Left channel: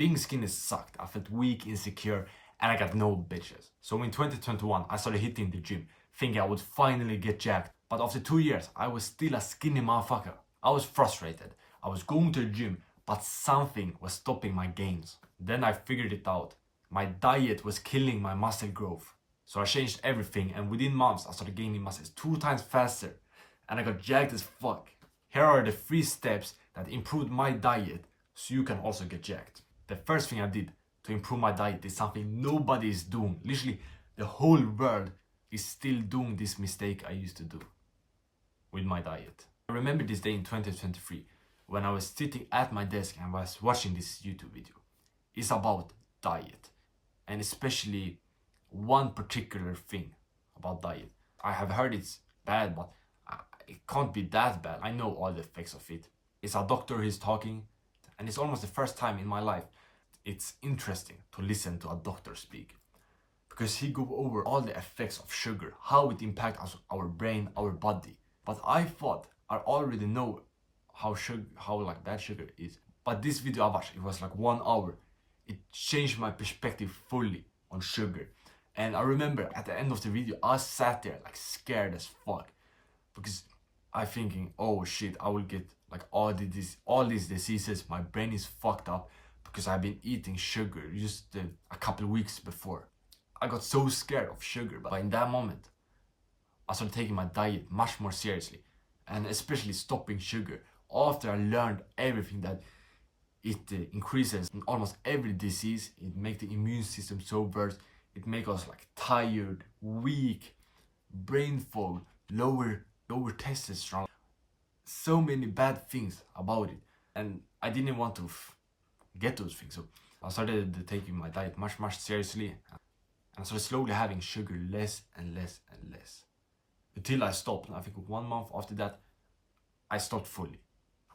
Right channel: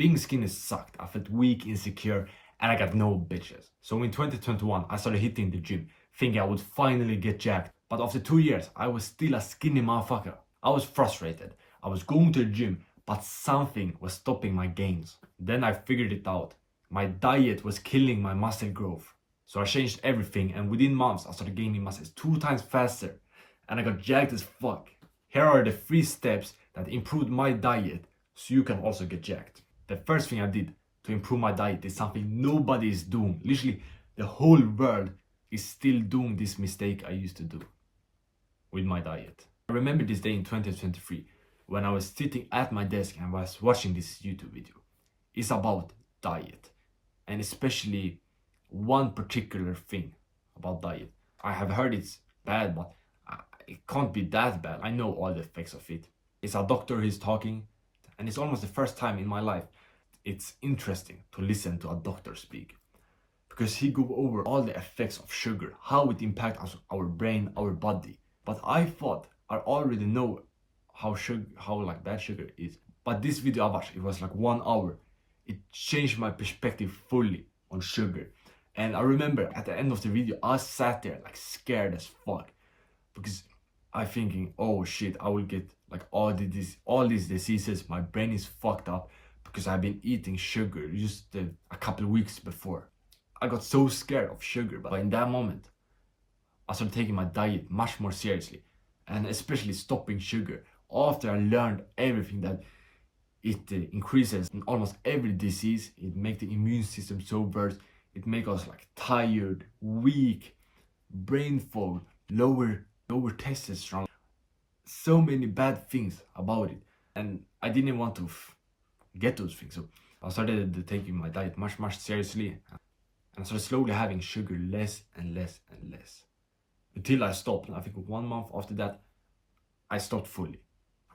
Being skinny sucked. I felt weak, insecure, and I got no bitches. So in 2021, I started hitting the gym, thinking I would finally get jacked. But after 2 years, I was still a skinny motherfucker. I was frustrated. I was going to the gym, but something was stopping my gains. Then I figured it out. My diet was killing my muscle growth. So I changed everything, and within months, I started gaining muscles 2 times faster. And I got jacked as fuck. Here are the 3 steps that improved my diet so you can also get jacked. The first thing I did to improve my diet is something nobody is doing. Literally, the whole world is still doing this mistake I used to do with my diet. I remember this day in 2023 when I was sitting at my desk and was watching this YouTube video. It's about diet, and especially one particular thing about diet. I have heard it's bad, but it can't be that bad. I know all the effects of it. It's a doctor who's talking, and it's almost the first time in my life it's interesting to listen to a doctor speak, because he go over all the effects of sugar, how it impacts our brain, our body. But I thought I already know how bad sugar is. But this video I watched, it was like 1 hour. It changed my perspective fully on sugar. And I remember at the end of the video, I sat there like scared as fuck, because I thinking, oh shit, I will get like all these diseases. My brain is fucked up because I've been eating sugar just a couple of weeks before. I got so scared of sugar, but in that moment, I started taking my diet much more seriously, and especially stopping sugar. After I learned everything that it increases in almost every disease, it makes the immune system so worse. It makes us like tired, weak, brain fog, lower testosterone. So many bad things about it, and I didn't want to get those things. So I started taking my diet much seriously, and so slowly having sugar less and less and less, until I stopped. I think 1 month after that, I stopped fully.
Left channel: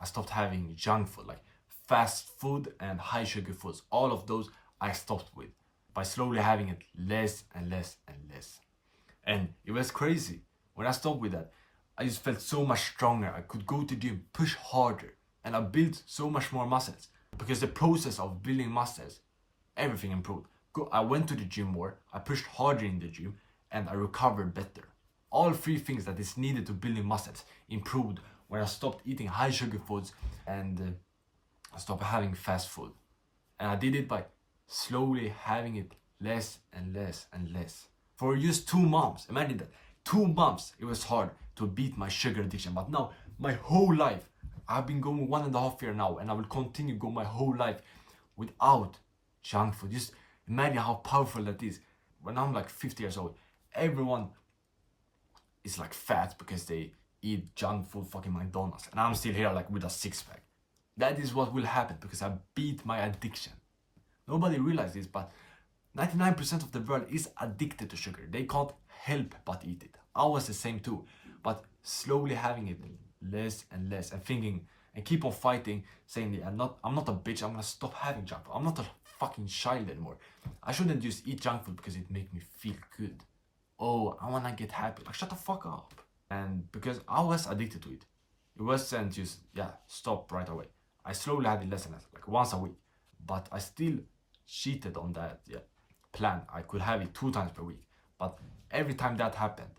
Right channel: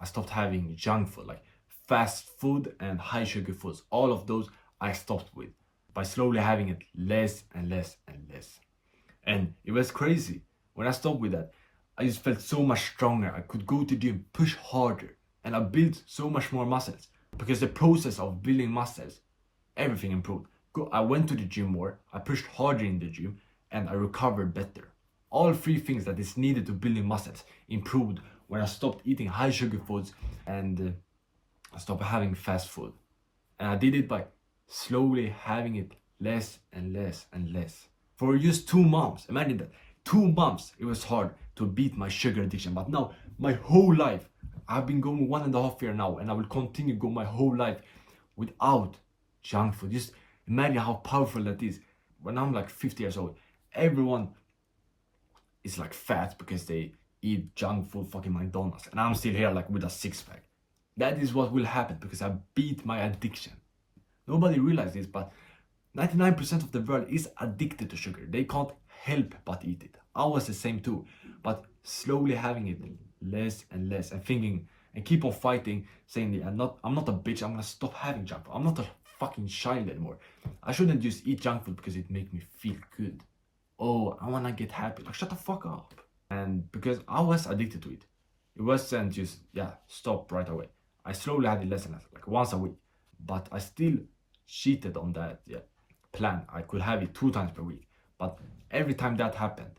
I stopped having junk food, like fast food and high sugar foods. All of those I stopped with by slowly having it less and less and less. And it was crazy. When I stopped with that, I just felt so much stronger. I could go to the gym, push harder, and I built so much more muscles. Because the process of building muscles, everything improved. I went to the gym more, I pushed harder in the gym, and I recovered better. All 3 things that is needed to building muscles improved when I stopped eating high sugar foods and I stopped having fast food. And I did it by slowly having it less and less and less. For just 2 months, imagine that. 2 months it was hard to beat my sugar addiction, but now my whole life, I've been going 1.5 years now, and I will continue go my whole life without junk food. Just imagine how powerful that is. When I'm like 50 years old, everyone is like fat because they eat junk food, fucking McDonald's, and I'm still here like with a 6-pack. That is what will happen because I beat my addiction. Nobody realizes this, but 99% of the world is addicted to sugar. They can't help but eat it. I was the same too, but slowly having it less and less, and thinking and keep on fighting, saying I'm not a bitch, I'm gonna stop having junk food. I'm not a fucking child anymore. I shouldn't just eat junk food because it makes me feel good. Oh, I wanna get happy. Like, shut the fuck up. And because I was addicted to it, it wasn't just stop right away. I slowly had it less and less, like once a week. But I still cheated on that plan. I could have it 2 times per week. But every time that happened,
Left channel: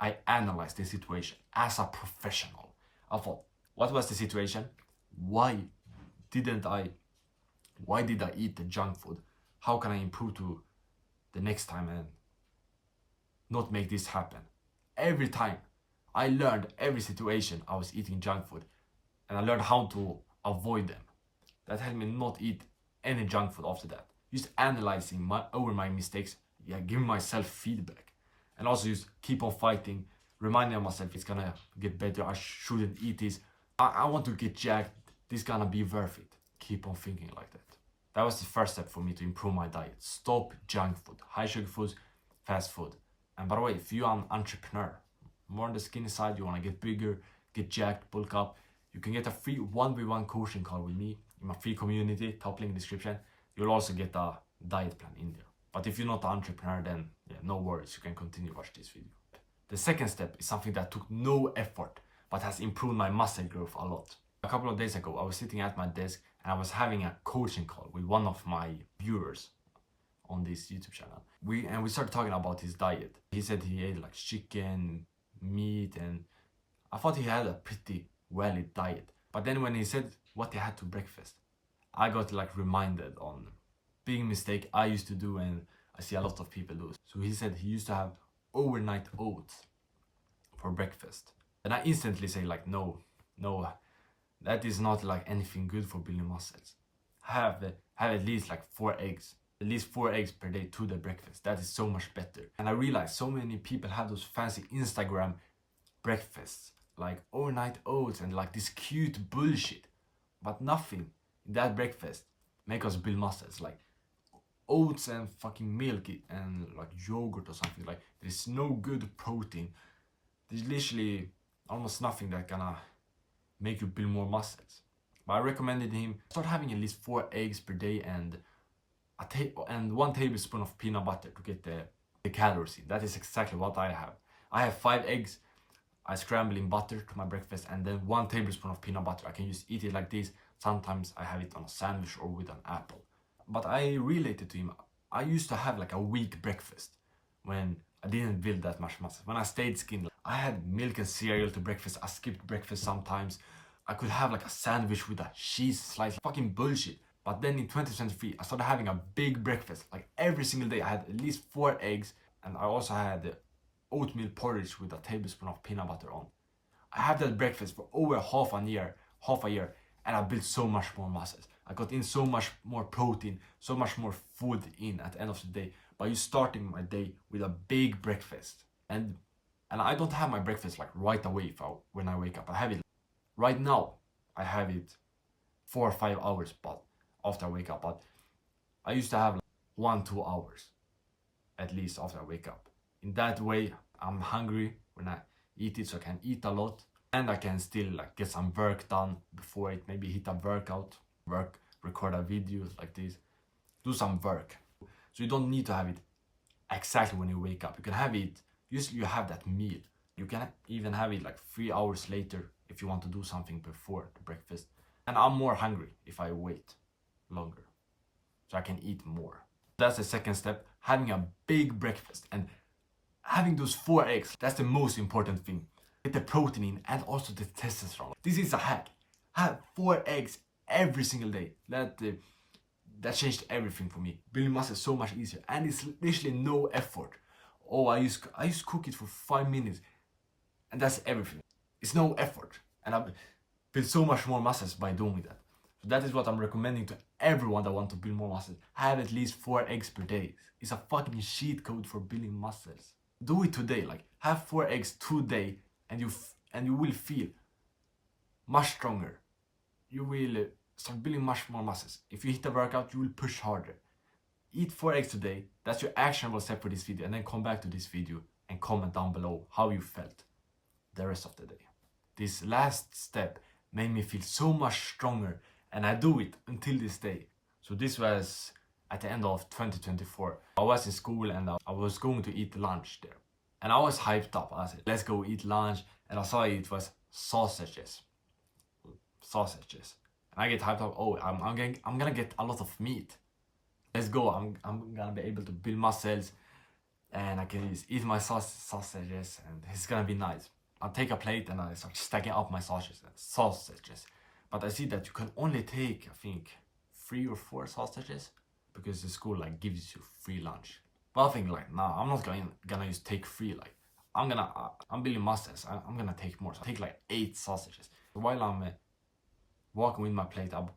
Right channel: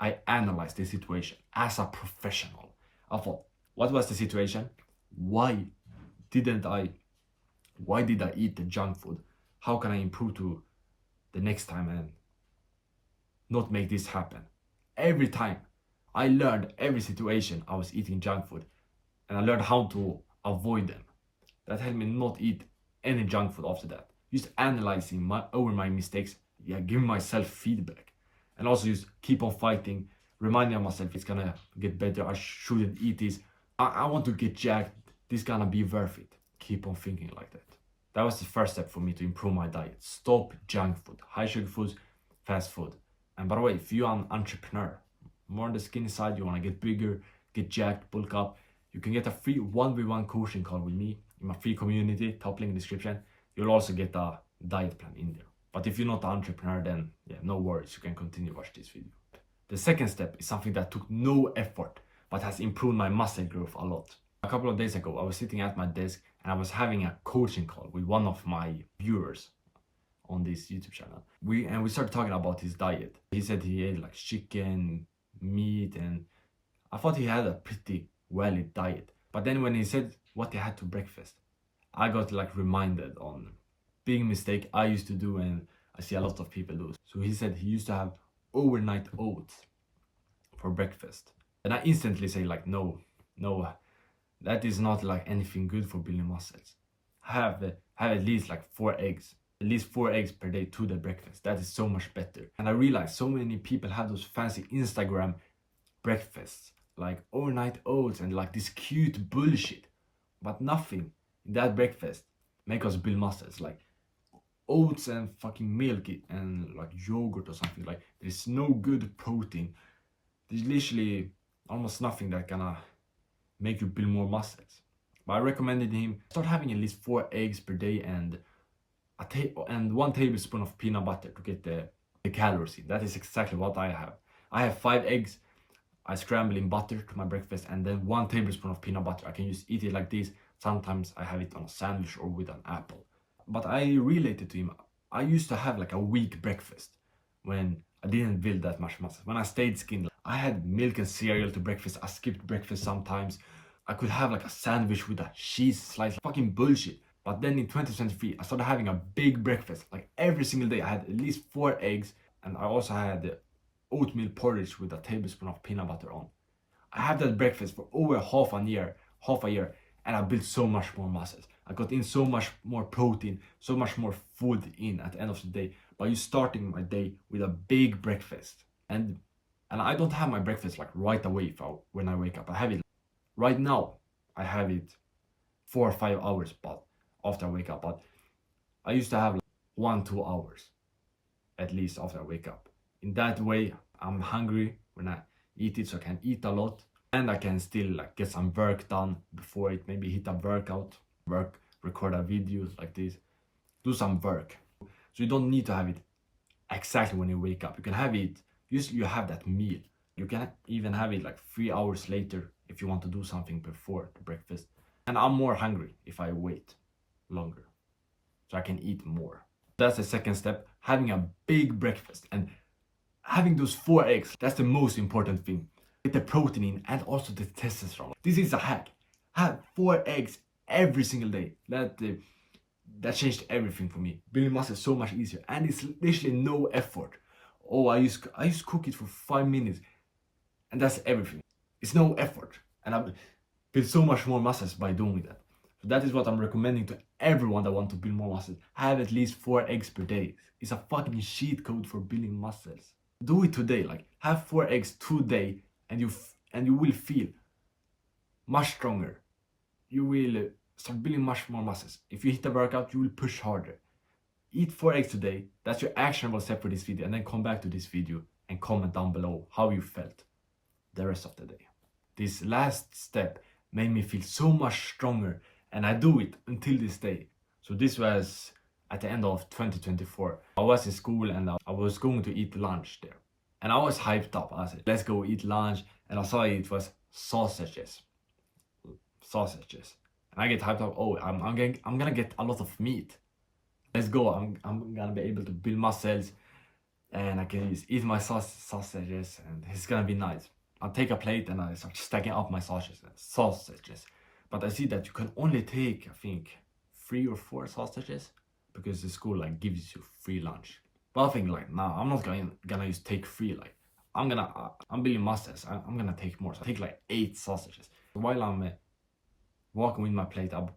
I analyzed the situation as a professional. I thought, what was the situation? Why did I eat the junk food? How can I improve to the next time and not make this happen? Every time I learned every situation I was eating junk food, and I learned how to avoid them. That helped me not eat any junk food after that. Just analyzing my mistakes, giving myself feedback, and also just keep on fighting, reminding myself it's gonna get better. I shouldn't eat this. I want to get jacked. This gonna be worth it. Keep on thinking like that. That was the first step for me to improve my diet. Stop junk food, high sugar foods, fast food. And by the way, if you are an entrepreneur, more on the skinny side, you want to get bigger, get jacked, bulk up, you can get a free 1v1 coaching call with me in my free community, top link in the description. You'll also get a diet plan in there. But if you're not an entrepreneur, then no worries, you can continue watch this video. The second step is something that took no effort, but has improved my muscle growth a lot. A couple of days ago, I was sitting at my desk and I was having a coaching call with one of my viewers on this YouTube channel. We started talking about his diet. He said he ate like chicken, meat, and I thought he had a pretty well-lit diet. But then when he said what he had to breakfast, I got like reminded on big mistake I used to do, and I see a lot of people do. So he said he used to have overnight oats for breakfast. And I instantly say like, no, that is not like anything good for building muscles. Have at least like 4 eggs. At least 4 eggs per day to the breakfast. That is so much better. And I realized so many people have those fancy Instagram breakfasts, like overnight oats and like this cute bullshit. But nothing in that breakfast make us build muscles. Like oats and fucking milk and like yogurt or something. Like there's no good protein. There's literally almost nothing that gonna make you build more muscles. But I recommended him start having at least 4 eggs per day and 1 tablespoon of peanut butter to get the calories in. That is exactly what I have. I have 5 eggs. I scramble in butter to my breakfast, and then 1 tablespoon of peanut butter. I can just eat it like this. Sometimes I have it on a sandwich or with an apple. But I related to him. I used to have like a weak breakfast when I didn't build that much muscle. When I stayed skinny, I had milk and cereal to breakfast. I skipped breakfast sometimes. I could have like a sandwich with a cheese slice. Fucking bullshit. But then in 2023, I started having a big breakfast. Like every single day, I had at least 4 eggs. And I also had the oatmeal porridge with a tablespoon of peanut butter on. I had that breakfast for over half a year. And I built so much more muscles. I got in so much more protein, so much more food in at the end of the day. By you starting my day with a big breakfast. And I don't have my breakfast like right away when I wake up. I have it right now. I have it 4 or 5 hours but after I wake up. But I used to have like 1-2 hours at least after I wake up. In that way, I'm hungry when I eat it, so I can eat a lot. And I can still like get some work done before it. Maybe hit a workout, record a video like this, do some work. So you don't need to have it exactly when you wake up. You can have it, usually you have that meal. You can even have it like 3 hours later if you want to do something before the breakfast. And I'm more hungry if I wait longer, so I can eat more. That's the second step, having a big breakfast and having those 4 eggs. That's the most important thing. Get the protein in and also the testosterone. This is a hack. Have 4 eggs every single day. That changed everything for me. Building muscle is so much easier, and it's literally no effort. Oh, I used to cook it for 5 minutes, and that's everything. It's no effort, and I've built so much more muscles by doing that. So that is what I'm recommending to everyone that wants to build more muscles. Have at least 4 eggs per day. It's a fucking cheat code for building muscles. Do it today. Like have 4 eggs today, and you will feel much stronger. You will start building much more muscles. If you hit a workout, you will push harder. Eat 4 eggs today. That's your actionable step for this video. And then come back to this video and comment down below how you felt the rest of the day. This last step made me feel so much stronger, and I do it until this day. So this was at the end of 2024. I was in school and I was going to eat lunch there. And I was hyped up. I said, let's go eat lunch. And I saw it was sausages. And I get hyped up. Oh, I'm gonna get a lot of meat. Let's go. I'm gonna be able to build muscles, and I can just eat my sausages, and it's gonna be nice. I'll take a plate and I start stacking up my sausages. But I see that you can only take, I think, 3 or 4 sausages because the school like gives you free lunch. But I think like, nah, I'm not gonna just take 3. Like I'm building muscles. I'm gonna take more. So I take like 8 sausages. While I'm walking with my plate, I'm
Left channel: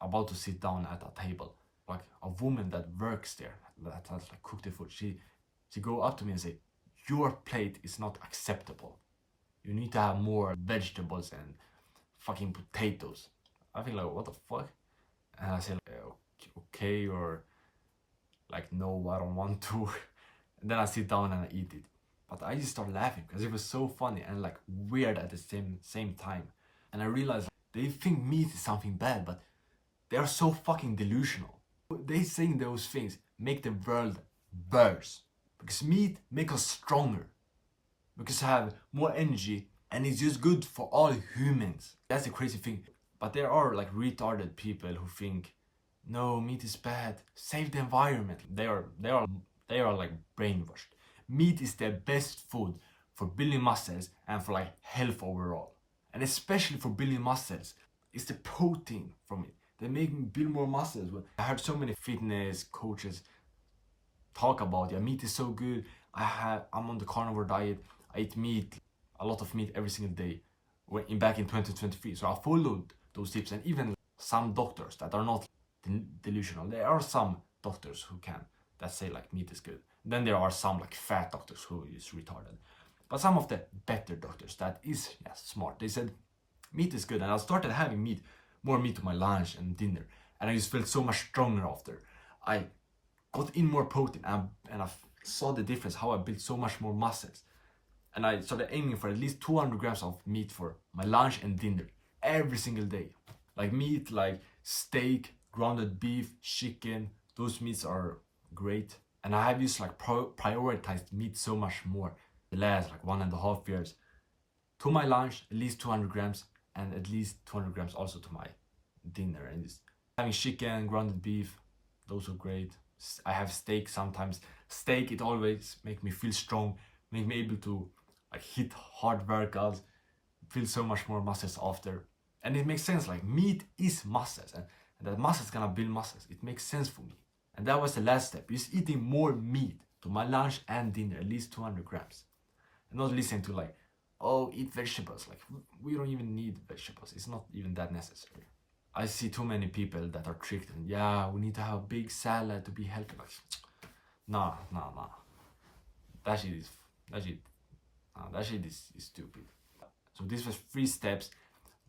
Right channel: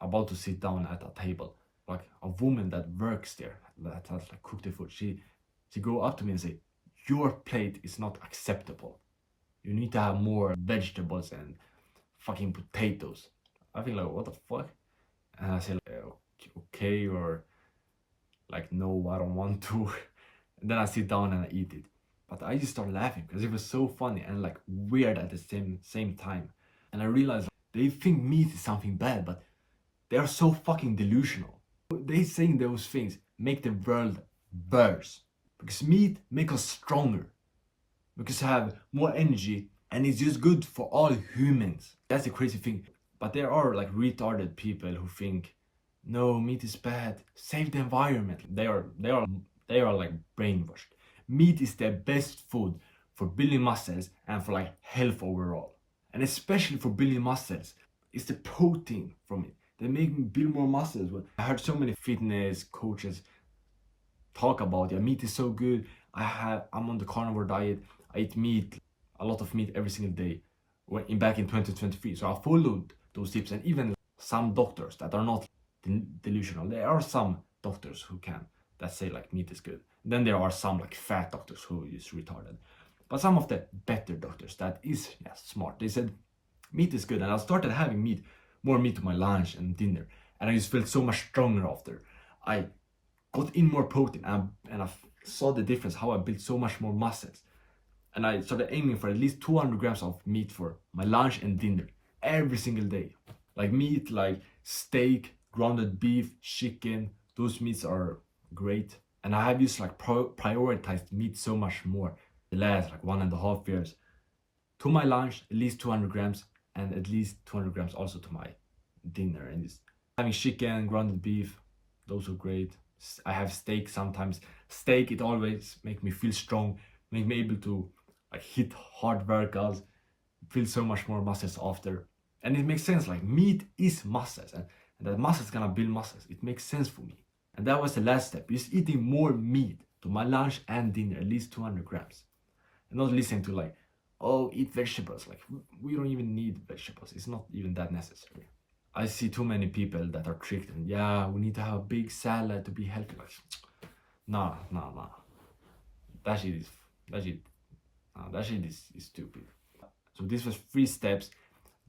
about to sit down at a table. Like a woman that works there, that has like cooked the food, she go up to me and say, your plate is not acceptable. You need to have more vegetables and fucking potatoes. I think like, what the fuck? And I say like, okay, or like, no, I don't want to. And then I sit down and I eat it. But I just start laughing because it was so funny and like weird at the same time. And I realized they think meat is something bad, but they are so fucking delusional. They saying those things make the world worse. Because meat make us stronger. Because have more energy, and it's just good for all humans. That's the crazy thing. But there are like retarded people who think, no, meat is bad, save the environment. They are like brainwashed. Meat is the best food for building muscles and for like health overall. And especially for building muscles, it's the protein from it that make me build more muscles. I heard so many fitness coaches talk about, yeah, meat is so good. I'm on the carnivore diet. I eat meat, a lot of meat every single day. Back in 2023, so I followed those tips. And even some doctors that are not delusional, there are some doctors who can that say like meat is good. Then there are some like fat doctors who is retarded. But some of the better doctors that is smart, they said meat is good. And I started having more meat to my lunch and dinner, and I just felt so much stronger after. I got in more protein, and I saw the difference, how I built so much more muscles. And I started aiming for at least 200 grams of meat for my lunch and dinner every single day. Like meat, like steak, grounded beef, chicken, those meats are great. And I have just like prioritized meat so much more the last like 1.5 years. To my lunch, at least 200 grams, and at least 200 grams also to my dinner. And just having chicken, grounded beef, those are great. I have steak sometimes. Steak, it always make me feel strong, make me able to like hit hard workouts, feel so much more muscles after. And it makes sense, like meat is muscles, and that muscles gonna build muscles. It makes sense for me. And that was the last step, is eating more meat to my lunch and dinner, at least 200 grams. And not listening to like, oh, eat vegetables. Like, we don't even need vegetables. It's not even that necessary. I see too many people that are tricked and yeah, we need to have a big salad to be healthy. Like, nah. That shit is stupid. So this was 3 steps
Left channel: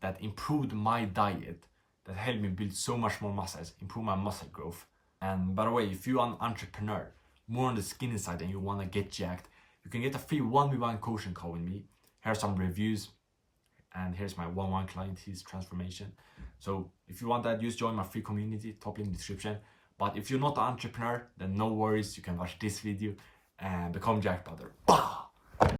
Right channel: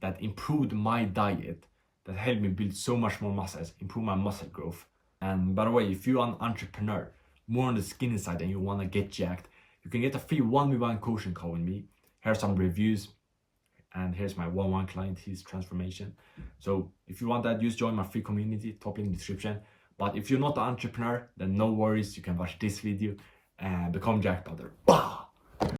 that improved my diet, that helped me build so much more muscles, improve my muscle growth. And by the way, if you're an entrepreneur, more on the skinny side, and you want to get jacked, you can get a free 1v1 coaching call with me. Here are some reviews, and here's my 1-1 client, his transformation. So if you want that, just join my free community, top in the description. But if you're not an entrepreneur, then no worries, you can watch this video and become jacked brother.